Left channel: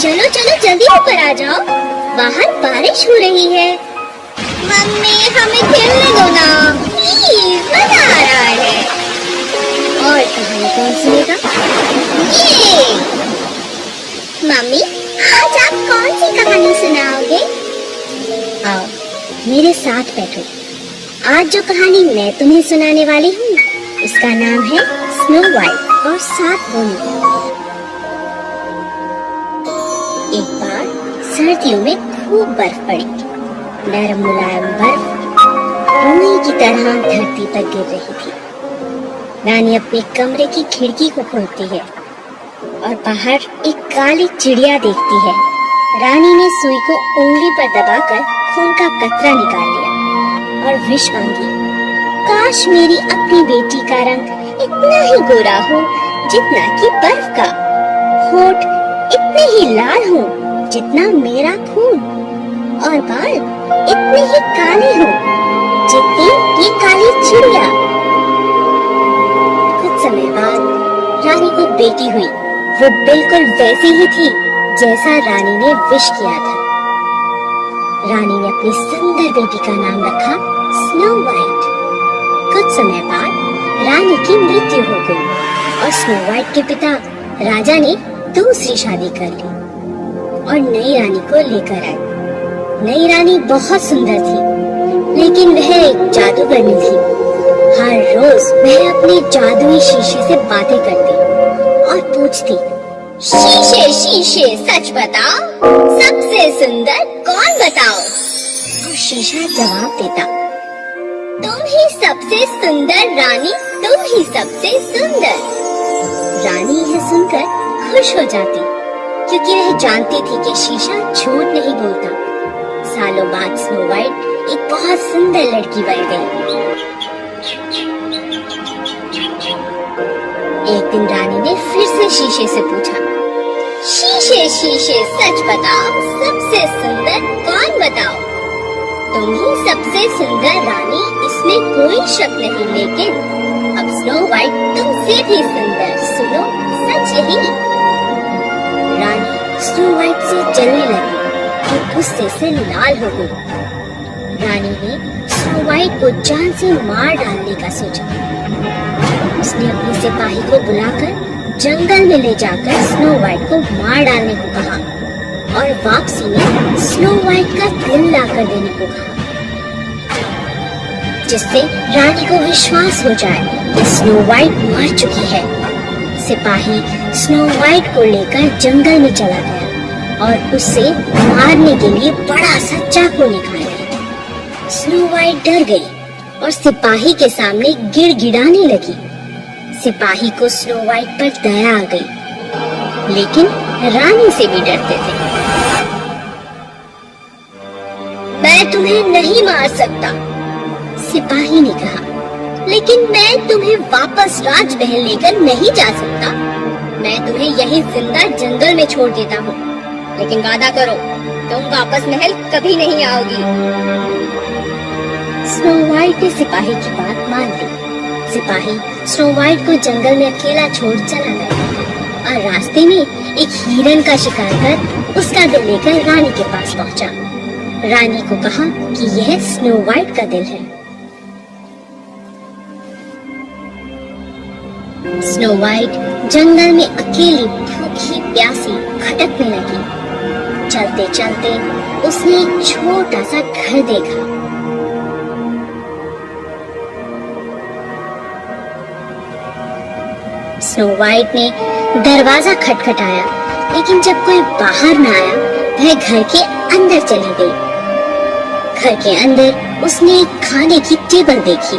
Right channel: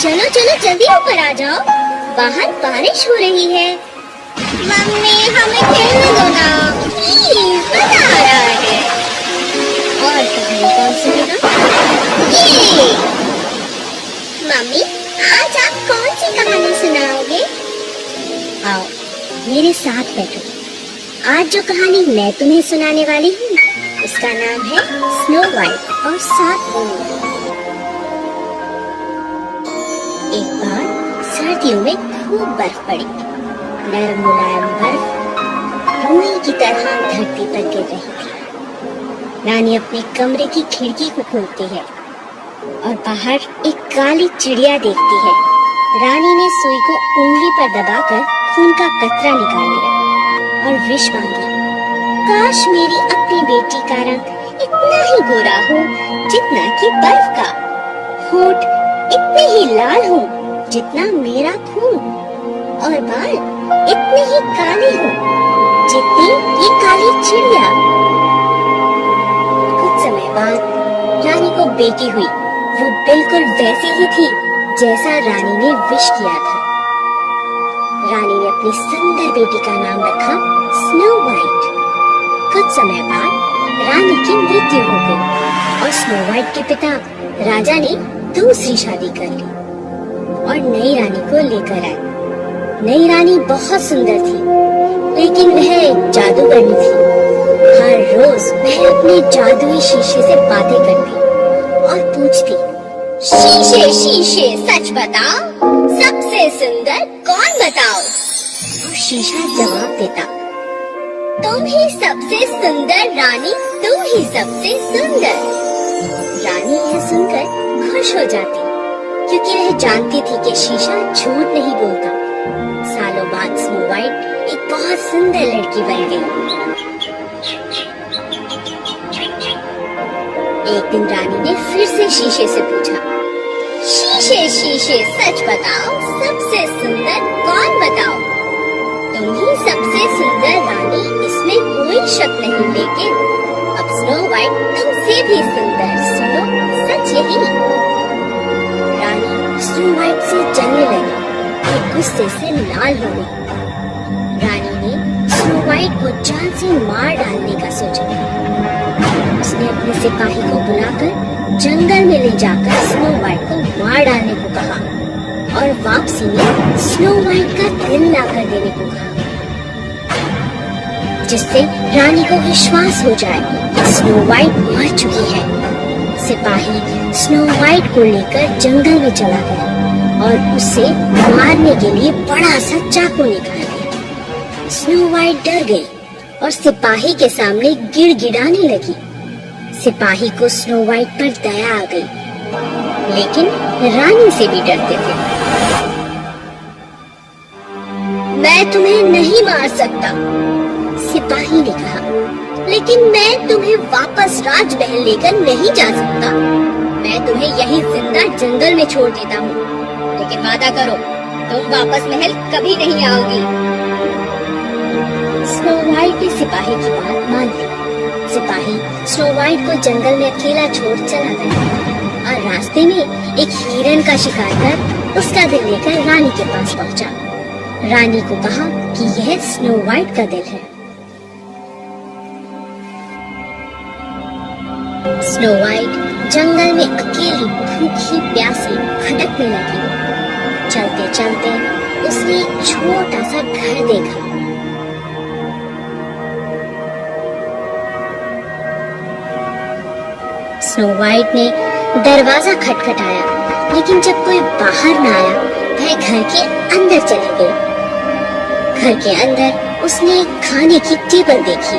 चलो चलो जल्दी ऊपर आ जाओ, बाहर बारिश हो रही है। मम्मी हमें खेलने दो ना, प्लीज, मजा आ रहा है। और कहानी कौन सुनेगा? ये मम्मी, आज आप कौन सी कहानी सुनाओगे? आओ मेरे साथ बैठो। आज जो कहानी मैं तुम्हें सुनाने वाली हूँ उसका नाम है स्नो वाइट और 7 बूंद। एक बार सर्दियों में खूब बर्फ पड़ी। नरम मुलायम बर्फ रुई की तरह धरती पर गिर रही थी। रानी अपने कमरे की खिड़की को खोलती है और बाहर एक काली चिड़िया देखती है। रानी ने सुई को उंगली पर दबाकर खून का कतरा निकाल लिया और विश मांगी, काश मेरी अपनी बेटी का रंग इतना ही गोरा हो जितना कि बर्फ का, होठ इतने ही लाल हो जितना मेरा खून, और बाल इतने ही काले हो जितनी ये काली चिड़िया। कुछ समय बाद रानी को बेटी हुई। वो बिल्कुल वैसी ही थी जैसा रानी ने विश किया था। रानी ने अपनी सुंदर बेटी का नाम रखा स्नो वाइट। कुछ समय बाद रानी की मृत्यु हो गई और स्नो वाइट के पिता राजा ने दूसरी शादी कर ली और नई रानी को लेकर आए। नई रानी बहुत सुंदर थी, लेकिन वह एक जादूगरनी थी। हर रोज वह अपने जादुई शीशे से बातें करती और पूछती, शीशे शीशे सच बताओ, सबसे सुंदर कौन बताओ? और शीशा जवाब देता, तुम ही सबसे सुंदर रानी, तुम ही सबसे सुंदर। रानी यह सुनकर खुश हो जाती, क्योंकि वह जानती थी कि शीशा झूठ नहीं बोलता। सालों बाद स्नो वाइट एक बहुत सुंदर लड़की बन गई। एक दिन रानी ने फिर से शीशे से पूछा, शीशे शीशे सच बताओ, सबसे सुंदर कौन बताओ? तुम ही सबसे सुंदर रानी, इसमें कोई शक नहीं, लेकिन अब स्नो वाइट तुमसे भी सुंदर, सुनो सच यही। रानी स्नो वाइट से जलने लगी और गुस्से से लाल हो गई। रानी ने स्नो वाइट को जान से मार डालने का सोचा। उसने अपने सिपाही को बुलाकर जंगल में ले जाकर स्नो वाइट को मार डालने को कहा और वापसी में स्नो वाइट का दिल लाकर देने को कहा, जिससे रानी को विश्वास हो जाए कि स्नो वाइट मर चुकी है। सिपाही स्नो वाइट को लेकर जंगल में चला गया और उसे मारने के लिए बड़ा सा चाकू निकाला। स्नो वाइट डर गई और सिपाही के सामने गिड़गिड़ाने लगी। सिपाही को स्नो वाइट पर दया आ गई, लेकिन रानी से भी डरते थे। मैं तुम्हें नहीं मार सकता, सिपाही ने कहा, लेकिन मैं तुम्हें वापस राजमहल लेकर नहीं जा सकता। मैं तुम्हें यहीं जिंदा जंगल में छोड़ देता हूँ, लेकिन वादा करो तुम वापस महल कभी नहीं आओगी। स्नो वाइट ने सिपाही की बात मान ली। सिपाही स्नो वाइट को जंगल में अकेला छोड़ चला गया और रास्ते में एक हिरन का शिकार कर उसका दिल लेकर रानी के पास पहुंचा। रानी को कहा कि यह स्नो वाइट का दिल है। स्नो वाइट जंगल में अकेली भूखी प्यासी भटकने लगी। चलते चलते उसने एक छोटा सा घर देखा। स्नो वाइट ने दरवाजा खटखटाया, लेकिन जब कोई बाहर न आया, वह घर के अंदर चली गई। घर के अंदर उसने एक खाने की टेबल देखी,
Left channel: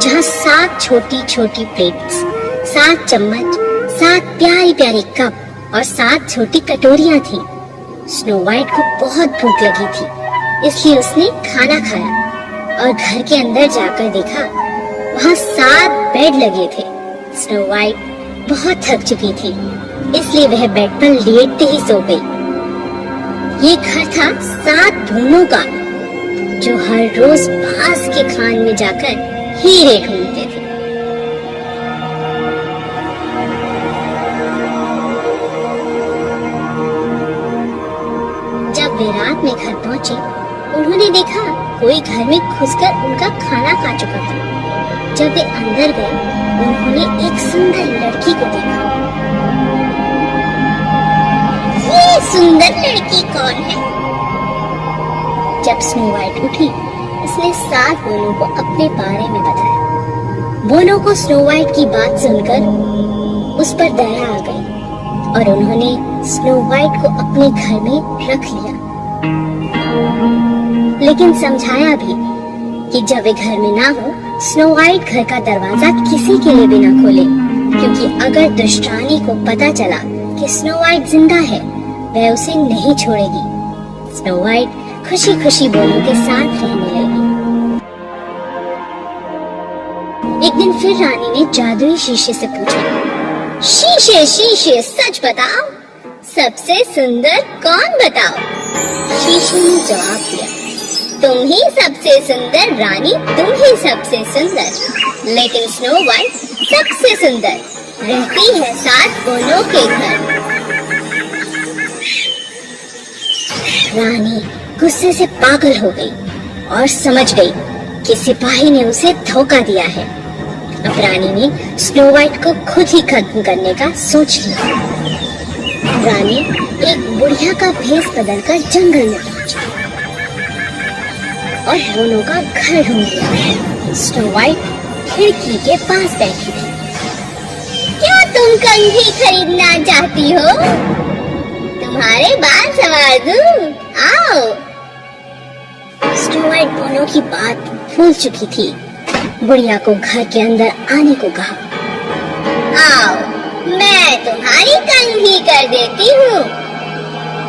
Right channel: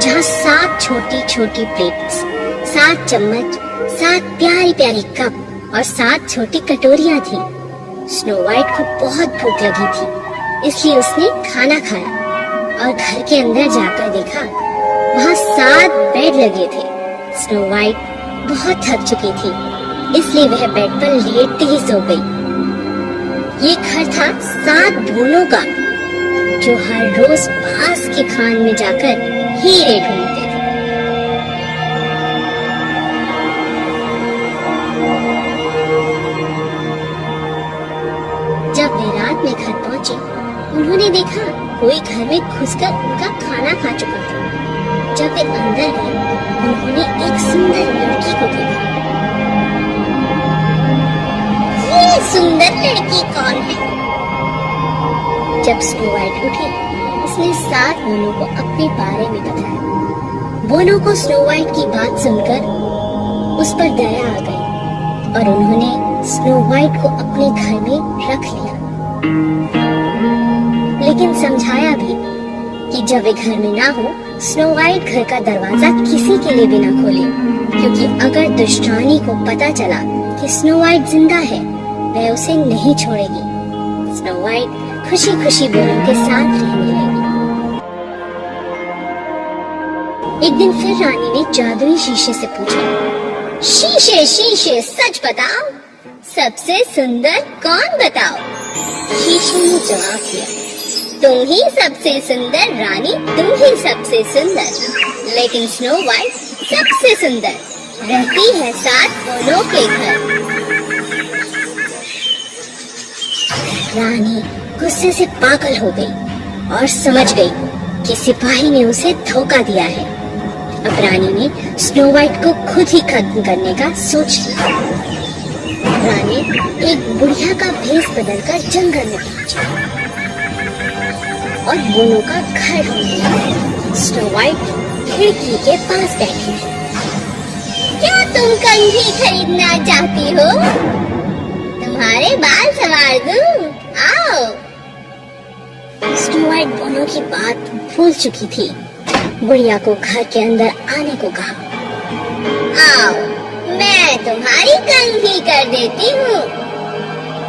जहाँ 7 छोटी छोटी प्लेट्स, 7 चम्मच, 7 प्यारी प्यारी कप और 7 छोटी कटोरियाँ थी। स्नो वाइट को बहुत भूख लगी थी, इसलिए उसने खाना खाया और घर के अंदर जाकर देखा, वहाँ 7 बेड लगे थे। स्नो वाइट बहुत थक चुकी थी, इसलिए वह बेड पर लेटते ही सो गई। ये घर था 7 बूंदों का, जो हर रोज पास के खान में जाकर हीरे ढूंढते थे। कोई घर में घुसकर उनका खाना खा चुका था। जब वे अंदर गए, उन्होंने एक सुंदर लड़की को देखा। ये सुंदर लड़की कौन है? जब स्नो वाइट उठी, उसने 7 मोनों को अपने बारे में बताया। मोनों को स्नो वाइट की बात सुनकर उस पर दया आ गई और उन्होंने स्नो वाइट को अपने घर में रख लिया, लेकिन समझाया भी कि जब वे घर में ना हो, स्नो वाइट घर का दरवाजा किसी के लिए भी ना खोले, क्योंकि अगर दुष्ट रानी को पता चला कि स्नो वाइट जिंदा है, वह उसे नहीं छोड़ेगी। स्नो वाइट खुशी खुशी मोनों के साथ रहने लगी। एक दिन फिर रानी ने जादुई शीशे से पूछा, शीशे शीशे सच बताओ, सबसे सुंदर कौन बताओ? शीशे ने जवाब दिया, तुम ही सबसे सुंदर रानी, तुम ही सबसे सुंदर। लेकिन स्नो वाइट सबसे सुंदर, रहती है 7 मोनों के घर। रानी गुस्से से पागल हो गई और समझ गई कि सिपाही ने उसे धोखा दिया है। अब रानी ने स्नो वाइट को खुद ही खत्म करने का सोच लिया। रानी एक बुढ़िया का भेष बदलकर जंगल में पहुंची और मोनों का घर ढूंढ लिया। स्नो वाइट खिड़की के पास बैठी थी। क्या तुम कंघी खरीदना चाहती हो? तुम्हारे बाल संवार दूं, आओ। स्नो वाइट मोनों की बात भूल चुकी थी। बुढ़िया को घर के अंदर आने को कहा, आओ, मैं तुम्हारी कंघी कर देती हूँ।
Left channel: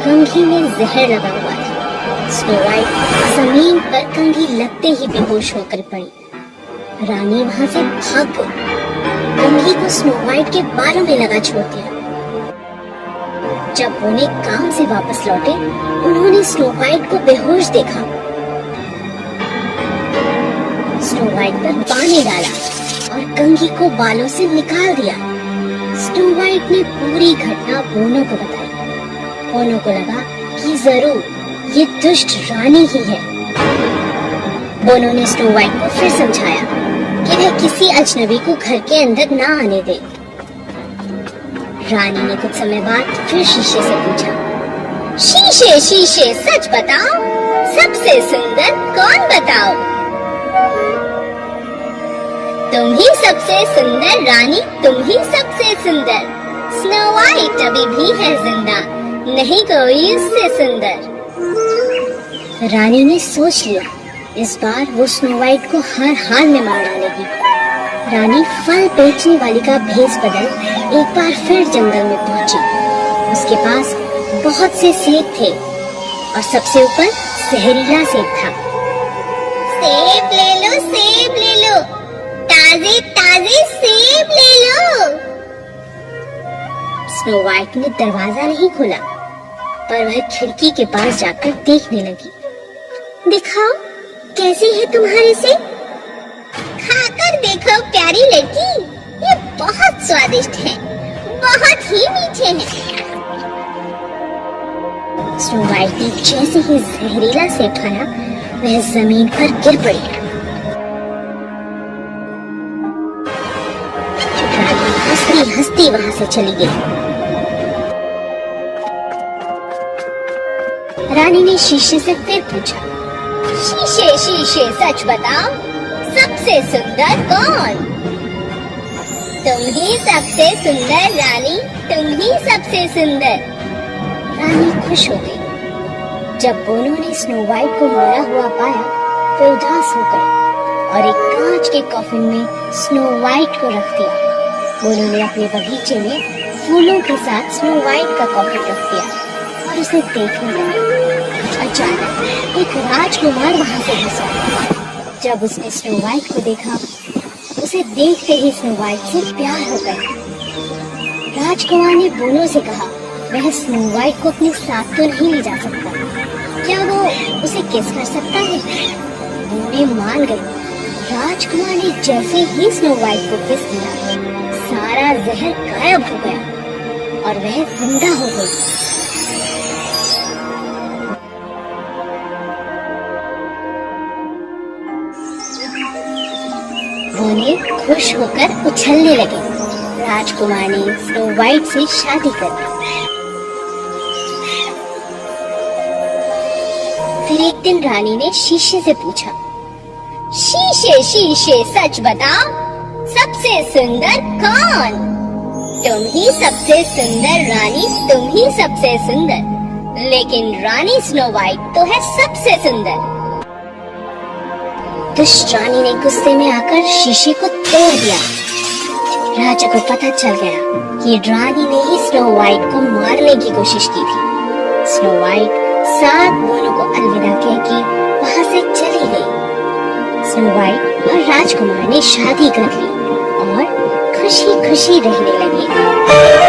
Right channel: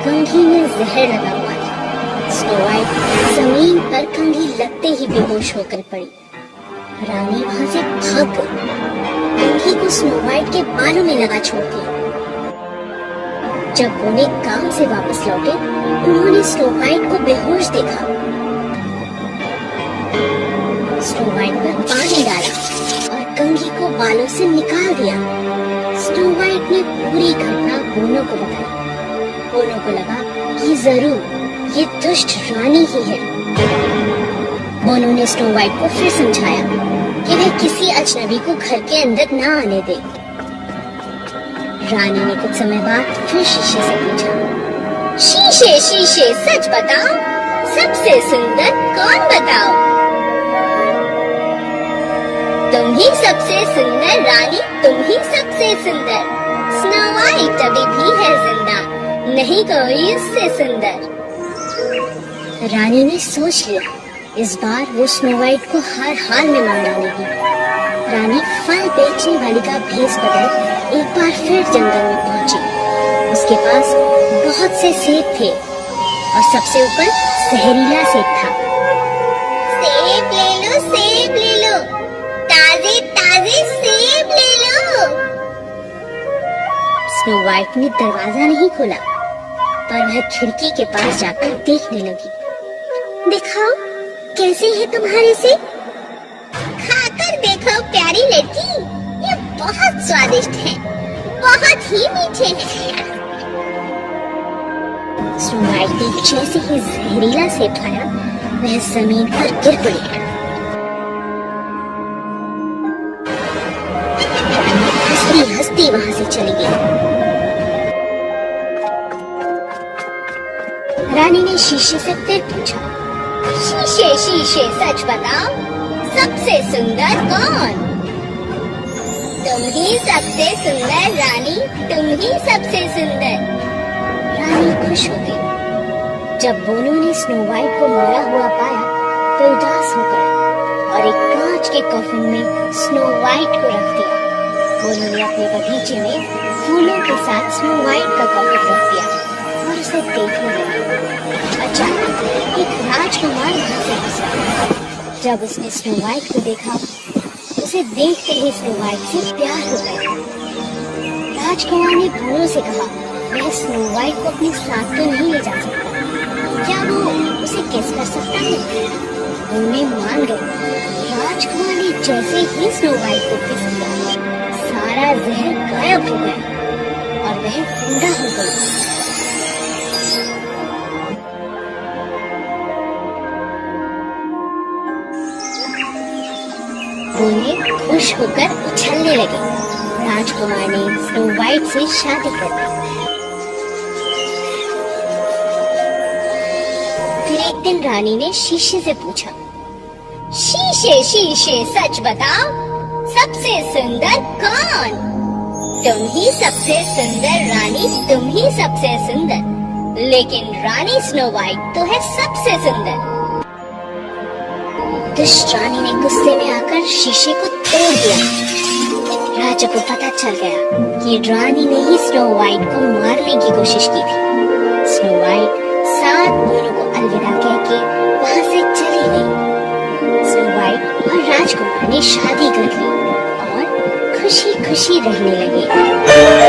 कंघी में जहर लगा हुआ था। स्नो वाइट जमीन पर कंघी लगते ही बेहोश होकर पड़ी। रानी वहां से भाग गई। कंघी को स्नो वाइट के बालों में लगा छोड़ दिया। जब उन्हें काम से वापस लौटे, उन्होंने स्नो वाइट को बेहोश देखा। स्नो वाइट पर पानी डाला और कंघी को बालों से निकाल दिया। स्नो वाइट ने पूरी घटना मोनों को बताई। मोनों को लगा कि जरूर ये दुष्ट रानी ही है। मोनों ने स्नो वाइट को फिर समझाया कि वह किसी अजनबी को घर के अंदर ना आने दे। रानी ने कुछ समय बाद फिर शीशे से पूछा, शीशे शीशे सच बताओ, सबसे सुंदर कौन बताओ? तुम ही सबसे सुंदर रानी, तुम ही सबसे सुंदर। स्नो वाइट अभी भी है जिंदा, नहीं कोई उससे सुंदर। रानी ने सोच लिया, इस बार वो स्नो वाइट को हर हाल में मार डालेगी। रानी फल बेचने वाली का भेष बदल एक बार फिर जंगल में पहुंची। उसके पास बहुत से सेब थे और सबसे ऊपर जहरीला सेब था। सेब ले लो, सेब ले लो, ताजे ताजे सेब ले लो। स्नो वाइट ने दरवाजा नहीं खोला, पर वह खिड़की के पास जाकर देखने लगी। दिखाओ कैसे है तुम्हारे सेब? खाकर देखो प्यारी लड़की, ये बहुत स्वादिष्ट है, बहुत ही मीठे हैं। स्नो वाइट ने जैसे ही जहरीला सेब खाया, वह जमीन पर गिर पड़ी। रानी हंसती वहां से चली गई। रानी ने शीशे से फिर पूछा, शीशे शीशे सच बताओ, सबसे सुंदर कौन? तुम ही सबसे सुंदर रानी, तुम ही सबसे सुंदर। रानी खुश हो गई। जब मोनों ने स्नो वाइट को रोया हुआ पाया, तो उदास हो गई और एक कांच के कॉफिन में स्नो वाइट को रख दिया। मोनों ने अपने बगीचे में फूलों के साथ स्नो वाइट का कॉफिन रख दिया और उसे देखने लगी। अचानक एक राजकुमार वहां से गुजरा। जब उसने स्नो वाइट को देखा, उसे देखते ही स्नो वाइट से प्यार हो गया। राजकुमार ने मोनों से कहा, वह स्नो वाइट को अपने साथ तो नहीं ले जा सकता, क्या वो उसे किस कर सकता है? उन्हें मान गए। राजकुमार ने जैसे ही स्नो वाइट को किस किया, सारा जहर गायब हो गया और वह जिंदा हो गई। दोनों खुश होकर उछलने लगे। राजकुमार ने स्नो वाइट से शादी कर दी। फिर एक दिन रानी ने शीशे से पूछा, शीशे शीशे सच बताओ, सबसे सुंदर कौन? तुम ही सबसे सुंदर रानी, तुम ही सबसे सुंदर। लेकिन रानी स्नो वाइट तो है सबसे सुंदर। दुष्ट रानी ने गुस्से में आकर शीशे को तोड़ दिया। राजा को पता चल गया कि रानी ने ही स्नो वाइट को मारने की कोशिश की थी। स्नो वाइट सात दोनों को अलविदा कहके वहां से चली गई। स्नो वाइट और राजकुमार ने शादी कर ली और खुशी खुशी रहने लगे।